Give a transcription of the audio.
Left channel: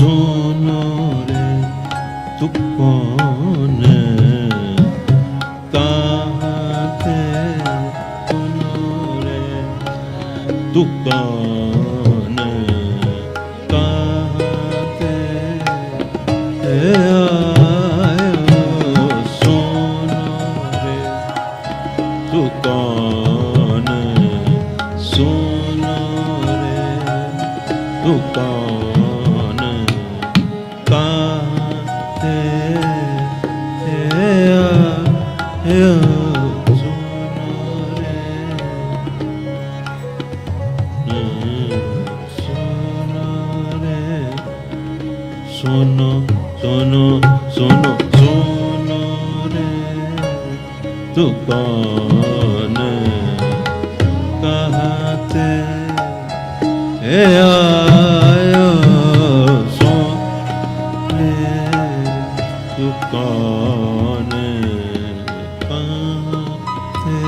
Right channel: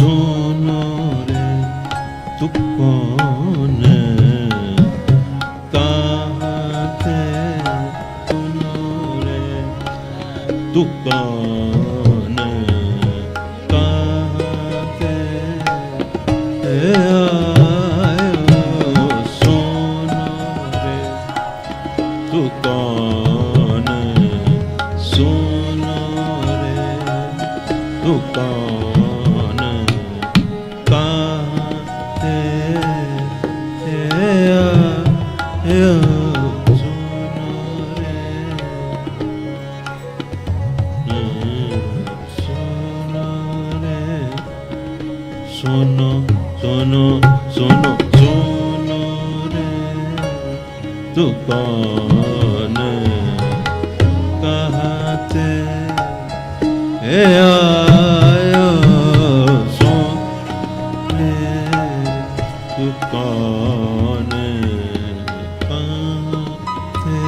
सुनो रे तू कौन कहाँ थे सुनो रे तू कौन कहाँ थे आयो सुनो रे तू कौन सुनो रे तू कौन कहाँ थे आयो सुनो रे सुनो रे सुनो सुनो सुनो सुनो रे तू कौन कहाँ थे आयो सुन रे तू कौन कहाँ थे